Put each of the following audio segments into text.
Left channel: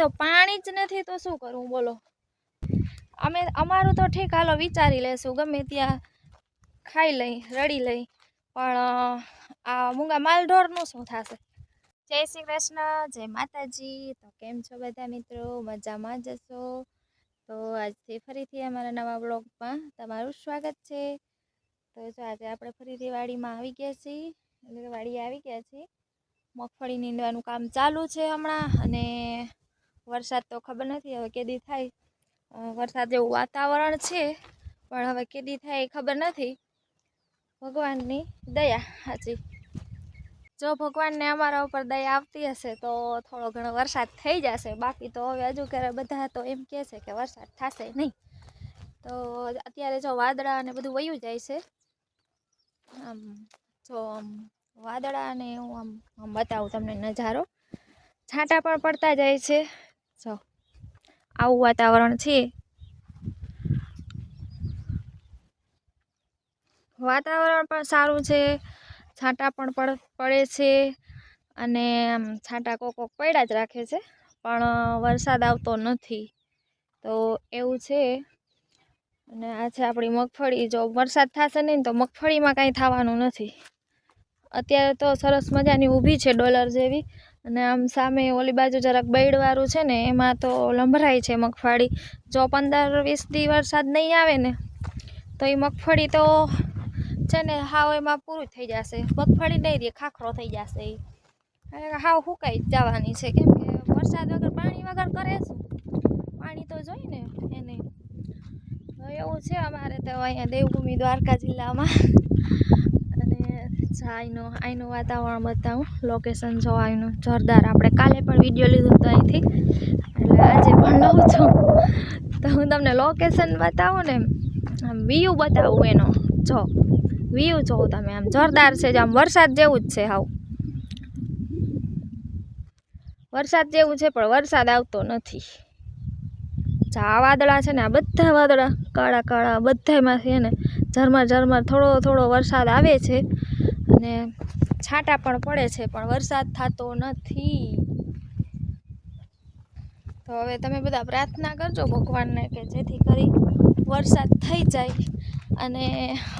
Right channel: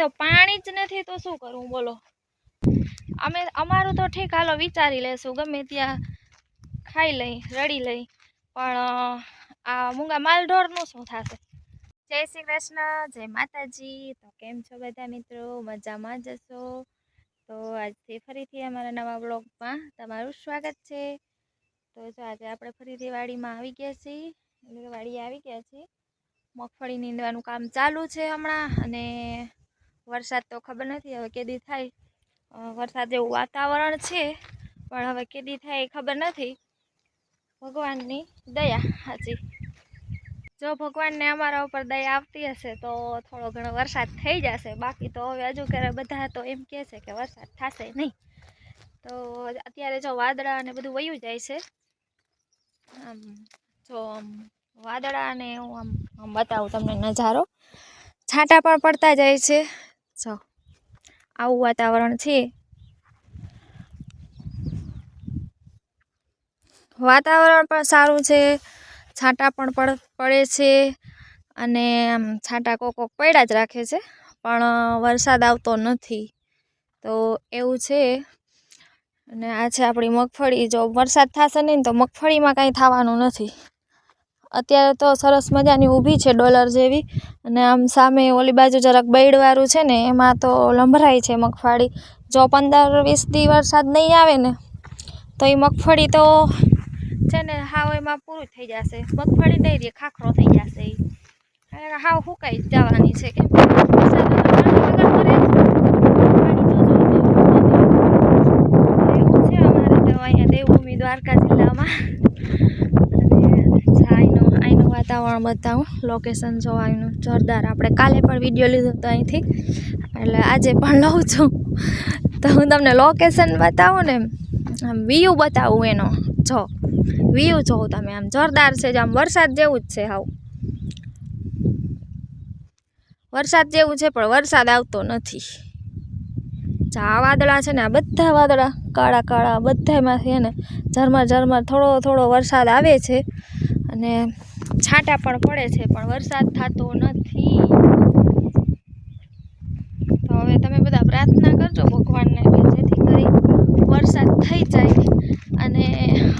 તો પાણી જ નથી તો શું કરવું બોલો। અમારું તો ઠીક, હાલો વિચારી લેશું, ગમે ત્યાં ખાઈ લઈ રડી લઈ, પણ આ મૂંગા માલઢોરનું શું થશે। જય શ્રી કૃષ્ણ, જય માતાજી। તો કેમ છો બધા મિત્રો? મજામાં જ હશો? તો આજથી ફરીથી અમારા નવા બ્લોગમાં તમારું સ્વાગત છે। તો જો આજે આપણે ફરીથી વાડીમાં આવી ગયા છીએ, એટલે વાડીએ આવી ગયા છીએ। મગફળી નીંદવાનું કામ ચાલુ છે હમણાં, અને વરસાદ તો ખબર નથી હવે કેદી થાય। વરસાદ જેવું વાતાવરણ છે, પણ હવે કેદી થાય એ ખબર નથી। ભગવાનની દયા સાચી। જો ભગવાનને અમારા ઉપર દયા આવતી હશે તો થોડો ઘણો વરસાદ થઈ જશે, બાકી તો હવે હજુ ક્યારે બધા તો એમ કહે છે કે વરસાદ થશે નહીં। તો અત્યારે જો વાદળા ને બધું વયું જાય છે, આમ જો આમ વાદળા ને હું આમ બતાવું તમને નજારો, છાંટા પણ પડતા જાય છે। જો આવું વાતાવરણ છે, વાતાવરણ પણ સારું છે, છાંટા પણ પડે છે, અને આમ છાંટા કોક પડ્યા જ રાખે છે, પણ વરસાદ આવતો નથી। તો એવું છે। અને આ છે આપણી મગફળી। જો વરસાદ થશે નહીં તો મગફળીમાં કાંઈ થવાનું નથી। અત્યારે તો સરસ મજાની ઊભી છે ડોલર જેવી, અને આમ સામે ઓલી બાજુ જરાક બૈડવાળું છે ને એમાં તો લંભરાય છે મગફળી। જો 15-20 દી વરસાદ નહીં આવે ને તો એ મગફળી તો છે ને હાવ એમાં પૂરું થઈ જશે, મગફળી નહીં રહે, ખાખરો થઈ જશે એ હાવ સુકાઈ જવાની છે। કેમ કે વરસાદ પાણી વગર મરે પાણી તો એવું છે અમારે તો અહીંયા દેવભૂમિ દ્વારકા જિલ્લામાં। અને અહીંનું વાતાવરણ બતાવું, લોકેશન જો અહીંનું જોરદાર। આપણે કાલે પણ વિડીયો લીધો હતો અહીંથી, એટલે આજે પણ લઉં છું તો હું તમને લોકેશન બતાવું ને, વ્યૂ બતાવું એનો। જો વ્યૂ જોઉં તમે, આમ જોરદાર છે, આમ વરસાદ જેવું જ છે, હાવ વરસાદ જેવું છે, પણ વરસાદ આવતો નથી। આ વાદળા છે ને, આ બધા વાદળા કાળા કાળા બધામાંથી છે ને ઝરમર ઝરમર થોડો થોડો વરસાદ આવે છે, અને છાંટા પણ પડે છે, પણ વરસાદ થતો નથી। તો હવે તમે બધા પ્રાર્થના કરજો ભગવાનને કે જેથી કરી વરસાદ થઈ જાય અને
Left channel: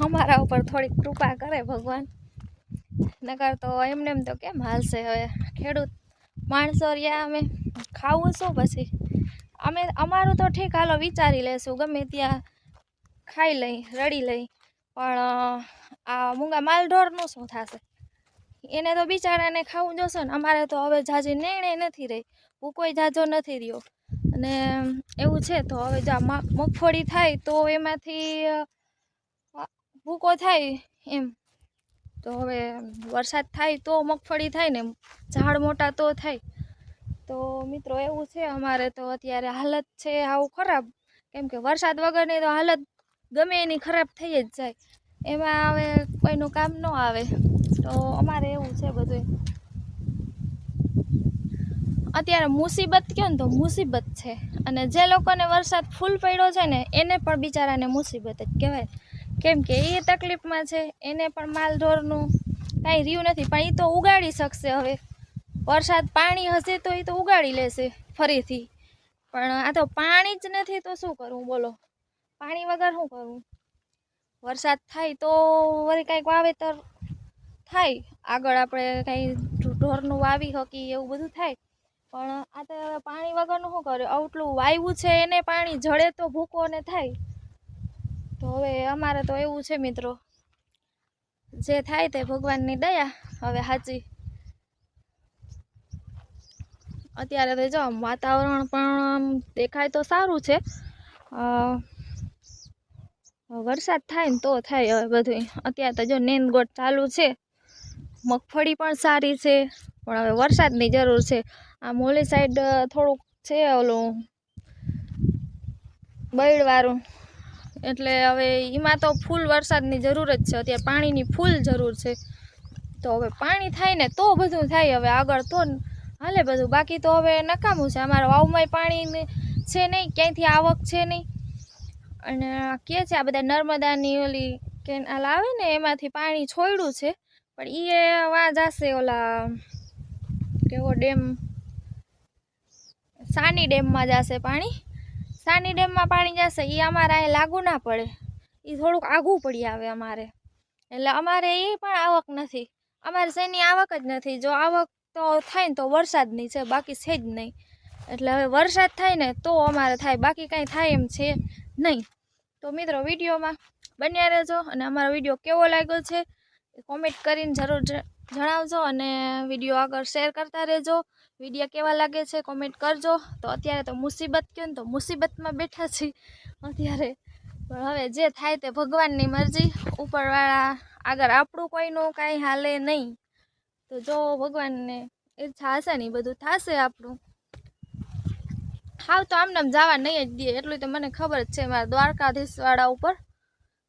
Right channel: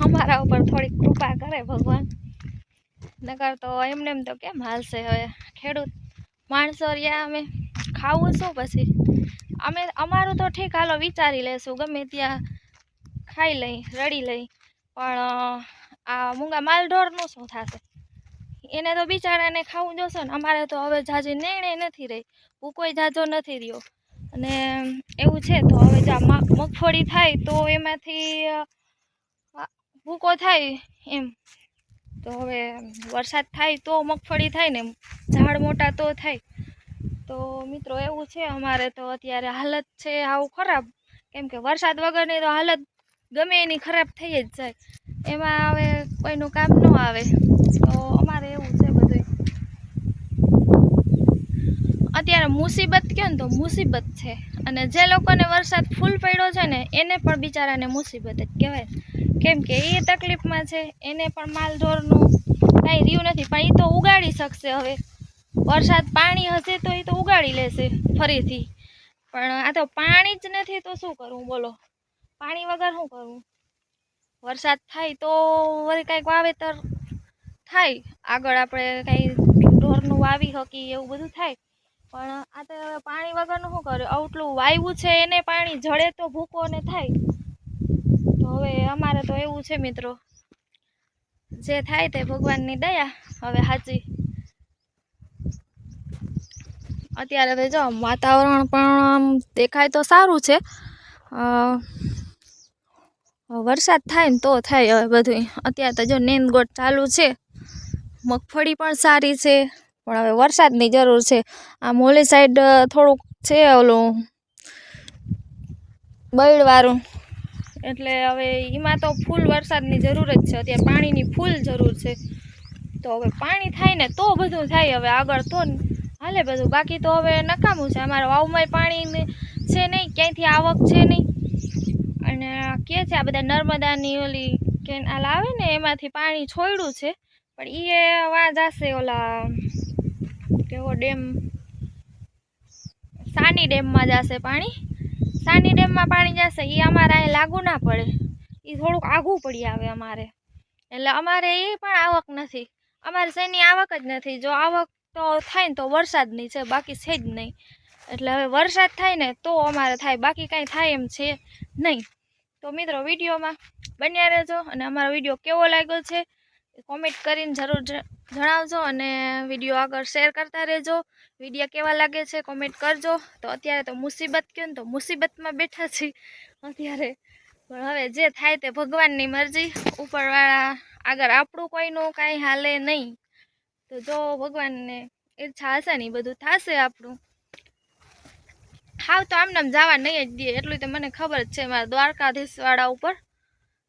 અમારા ઉપર થોડીક કૃપા કરે ભગવાન। નકર તો એમને એમ તો કેમ હાલશે? હવે ખેડૂત માણસો રહ્યા, અમે ખાવું શું પછી? અમારું તો ઠીક, હાલો વિચારી લેશું, ગમે ત્યાં ખાઈ લઈ રડી લઈ, પણ આ મૂંગા માલઢોરનું શું થશે? એને તો બિચારાને ખાવું જોશે ને। અમારે તો હવે જાજી નેણે નથી રહી, ભૂકોય જાજો નથી રહ્યો, અને એવું છે। તો હવે જો મગફળી થાય તો એમાંથી ભૂકો થાય એમ, તો હવે વરસાદ થાય તો મગફળી થાય ને, ઝાડ મોટા તો થાય। તો મિત્રો એવું છે અમારે તો અત્યારે હાલત છે આવું ખરાબ, કેમ કે વરસાદ વગરની તો હાલત ગમે એની ખરાબ થઈ જ જાય, એમાં હવે કોઈનું કામ ન આવે। તો અમારે એવું છે બધું। અત્યારે મુસીબત કહે ને તો મુસીબત છે, અને જે લોકોને વરસાદ ફૂલ પડ્યો છે ને એને પણ બિચારાને મુસીબત જ કહેવાય, કેમ કે એ તકલીફમાં છે, એને પણ માલઢોરનું કાંઈ રહ્યું નથી, પણ એ તો ઉગાડી શકશે। હવે વરસાદ પાણી હશે તો એ તો ઉગાડી લેશે ફરીથી, પણ આ તો પાણી જ નથી તો શું કરવું બોલો। પાણી વગર શું કરવું? વરસાદ થાય તો વળી કાંઈક વાવેતર થાય, આગળ આપણે કાંઈ ઢોરનું વાવી શકીએ એવું બધું થાય, પણ આ તો હવે પાણી વગરનું શું કરે? આટલું વાવ્યું છે એને પાણી જડે તો ભૂકો ને થાય। તો હવે અમારે તો એવું છે મિત્રો, જે થાય તે ભગવાનની દયા હવે સાચી। અત્યારે તો જો વાતાવરણ પણ દેખાય તો સારું છે, વરસાદ થાય ને તો થાય હવે બધું। અત્યારે તો જો નેંદગોટ ચાલુ છે, મગફળી પણ સારી છે, પણ હવે વરસાદની જરૂર છે। આ મોલી સાઈડ થોડુંક છે ઓલું બૈડવાળું, એટલે હવે એમાં તો ફૂલ વરસાદની જરૂર જ છે, અત્યારે પાણીની ફૂલ જરૂર છે। તો હવે પાણી થાય ને તો બધું થાય, હવે આગળ તો હાલે બધું, બાકી તો હવે નકામું છે। અમારા વાવમાં પાણી છે નહીં, ક્યાંયથી આવક છે નહીં, અને કે છે આ બધા નર્મદાની ઓલી કેનાલ આવે ને એમાંથી પાણી છોડ્યું છે, પણ એ વાં જશે ઓલા કેવો ડેમ સાની ડેમમાં જશે પાણી. સાની ડેમમાં પાણી જશે એ અમારે અહીં લાગુ ના પડે, એ થોડુંક આઘું પડી આવે અમારે, એટલે અમારે એ પણ આવક નથી. અમારે શેની આવક જ નથી. જો આવક તો થાય ને તો વરસાદની છે, બાકી છે જ નહીં. એટલે હવે વરસાદ થાય ને તો અમારે થાય, બાકી કાંઈ થાય એમ છે નહીં. તો મિત્રો વિડીયોમાં બન્યા રહેજો, અને અમારો વિડીયો કેવો લાગ્યો છે કોમેન્ટ કરીને જરૂર જણાવજો, અને વિડીયો આગળ શેર કરતા રહેજો. વિડીયો કેવા લાગે છે કોમેન્ટ કરજો. તો અત્યારે તો મુસીબત કહે ને તો મુસીબતમાં બેઠા છીએ અત્યારે, પણ હવે જે થાય તે ભગવાનની મરજી. ઉપરવાળા આગળ આપણું કોઈનું કાંઈ હાલે નહીં. તો જો ભગવાનને ઈચ્છા હશે ને એ બધું થશે આપણું. હાવ તો આમ જવા નહીં જ દે, એટલું તો મને ખબર જ છે. મારા દ્વારકાધીશવાળા ઉપર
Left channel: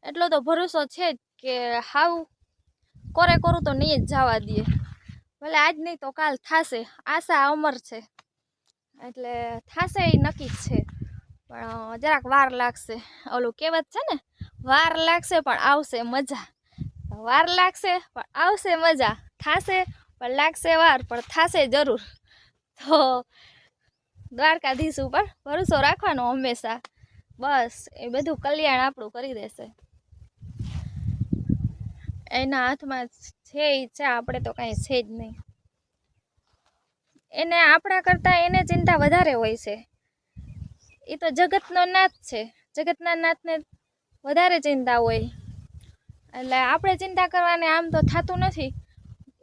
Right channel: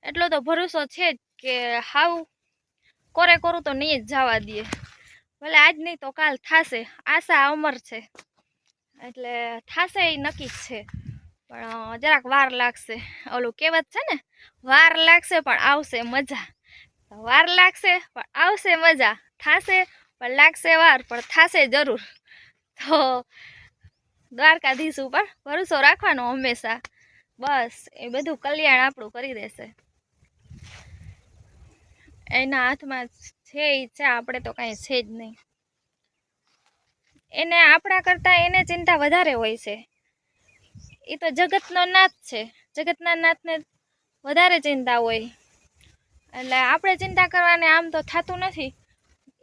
એટલો તો ભરોસો છે જ કે હાવ કોરે કોરું તો નહીં જ જવા દે. ભલે આજ નહીં તો કાલ થશે, આશા અમર છે, એટલે થશે એ નક્કી જ છે. પણ જરાક વાર લાગશે. ઓલું કહેવત છે ને, વાર લાગશે પણ આવશે મજા. વાર લાગશે પણ આવશે મજા, થશે પણ લાગશે વાર, પણ થશે જરૂર. તો દ્વારકાધીશ ઉપર ભરોસો રાખવાનો હંમેશા, બસ એ બધું કલ્યાણ આપણું કરી દેશે. એના હાથમાં છે ઈચ્છા, આપણે તો કાંઈ છે જ નહીં. એને આપણા કરતાં એને ચિંતા વધારે હોય છે. એ તો જગતનો નાથ છે, જગતના નાથને વધારે ચિંતા હોય. એટલે આપણે ચિંતા કરવાને આમ તો થતું નથી.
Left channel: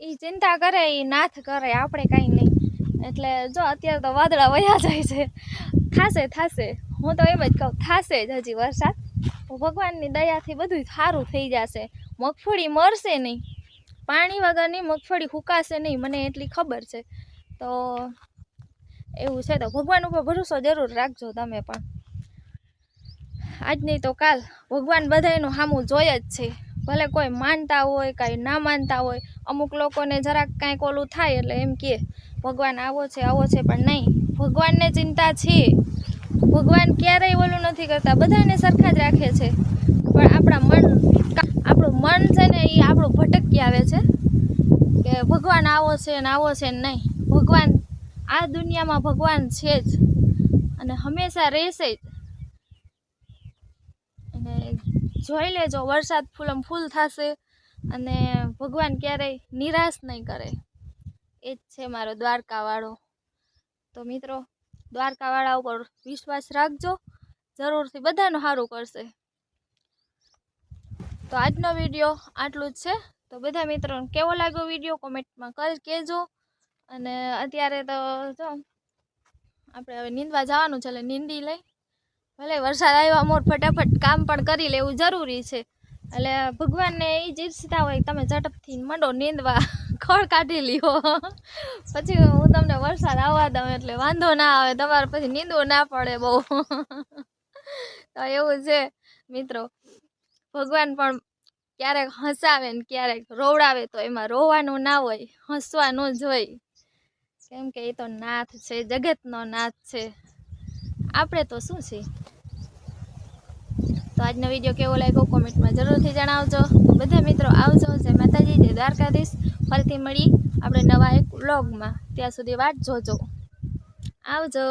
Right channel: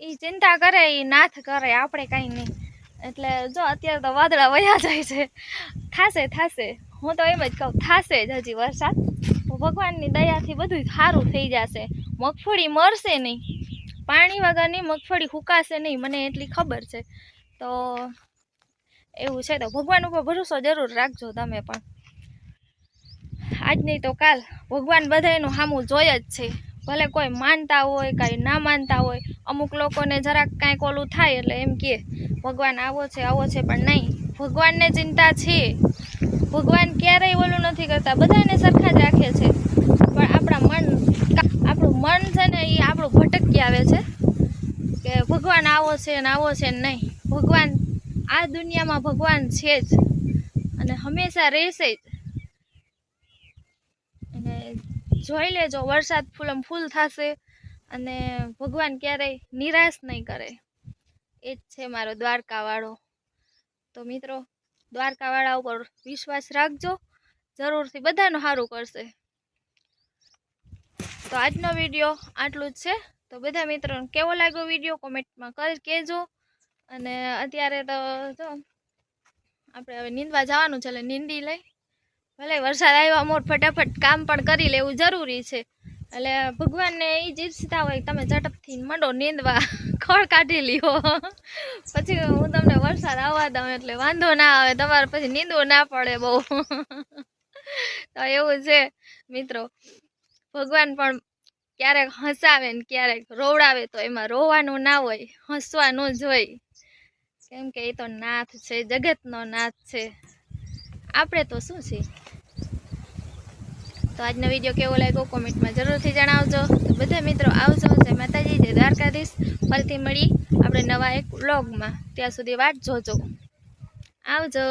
એ ચિંતા કરે, એ નાથ કરે, આપણે કાંઈ નહીં. એટલે જો અત્યારે તો વાદળા વયા જાય છે. થશે, હું તો એમ જ કહું, થશે જ હજી વરસાદ. ભગવાનની દયાથી બધું સારું થઈ જશે. મગફળી મરશે નહીં, પાણી વગરની મગફળી હુકાશે નહીં, મને એટલી ખબર છે. તો એવું છે, તો ભગવાન ઉપર ભરોસો જરૂર રાખજો તમે પણ. આજ નહીં તો કાલ ભગવાન બધાયનું સામું જોઈ જ છે. ભલે કોઈ માનતા હોય, કાંઈ ના માનતા હોય. અમુક લોકોને જરાક કાંઈક ઓલું થાય એટલે એમ કહે ભગવાન આવો છે, પણ નહીં, ભગવાનને ચિંતા છે. ભગવાન ક્યારેય ઓલું નથી કરતા, બધાને સરખા જ રાખે છે. પણ આપણું મન છે ને, એ આપણું ભટકી આવે છે કે ભગવાન આવો છે ને નહીં. ભગવાન આ દુનિયામાં ભગવાન છે જ, અને હંમેશા રહેશે જ. અને જોઈ લેજો, વરસાદ ફૂલમ ફૂલ થશે, અને ભગવાન ક્યારેય નિરાશ નહીં કરે. એ જ છે મારો દ્વારકાવાળો. તો મિત્રો, દ્વારકાવાળા ઉપર વિશ્વાસ રાખજો, જરૂરથી બધાનું સારું કરશે. તો આજનો વિડીયો આટલું જ છે. તો બધા મિત્રોને કેવો લાગ્યો વિડીયો કોમેન્ટમાં કહેજો. અને અત્યારે તો જો આપણે હવે નીંદવા જવાનું છે, એટલે નીંદી લઈ. ભલે વરસાદ આવ્યા મોર ફટાફટ કામ પણ કરી લેવું જરૂરી છે. એટલે ભગવાનને એ જ ઈચ્છતા હોય તમે ઝડપથી મંડો નીંદવા, ખળ કાઢી લ્યો, પછી હું તમને વરસાદ આવવા દઉં એટલે વાંધો ના આવે, તમારે પછી નીંદવું ના પડે બહુ. તો એવું છે મિત્રો, ભગવાન પણ ક્યારેક હસાવે ને ક્યારેક રોવડાવે, તો એમાં રોવાનું ના હોય, હસવાનું જ હોય. કેમ કે એ તો નાથ છે, જગતનો નાથ છે. આપણે તો શું છે. તો આજનો વિડીયો કેવો લાગ્યો કોમેન્ટમાં જરૂરથી જણાવજો. તો બધા મિત્રો આવજો. જય માતાજી, જય દ્વારકાધીશ. ફરીથી મળી આપણે નવા એક વ્લોગમાં. ત્યાં સુધી વાટ જોજો. આવજો.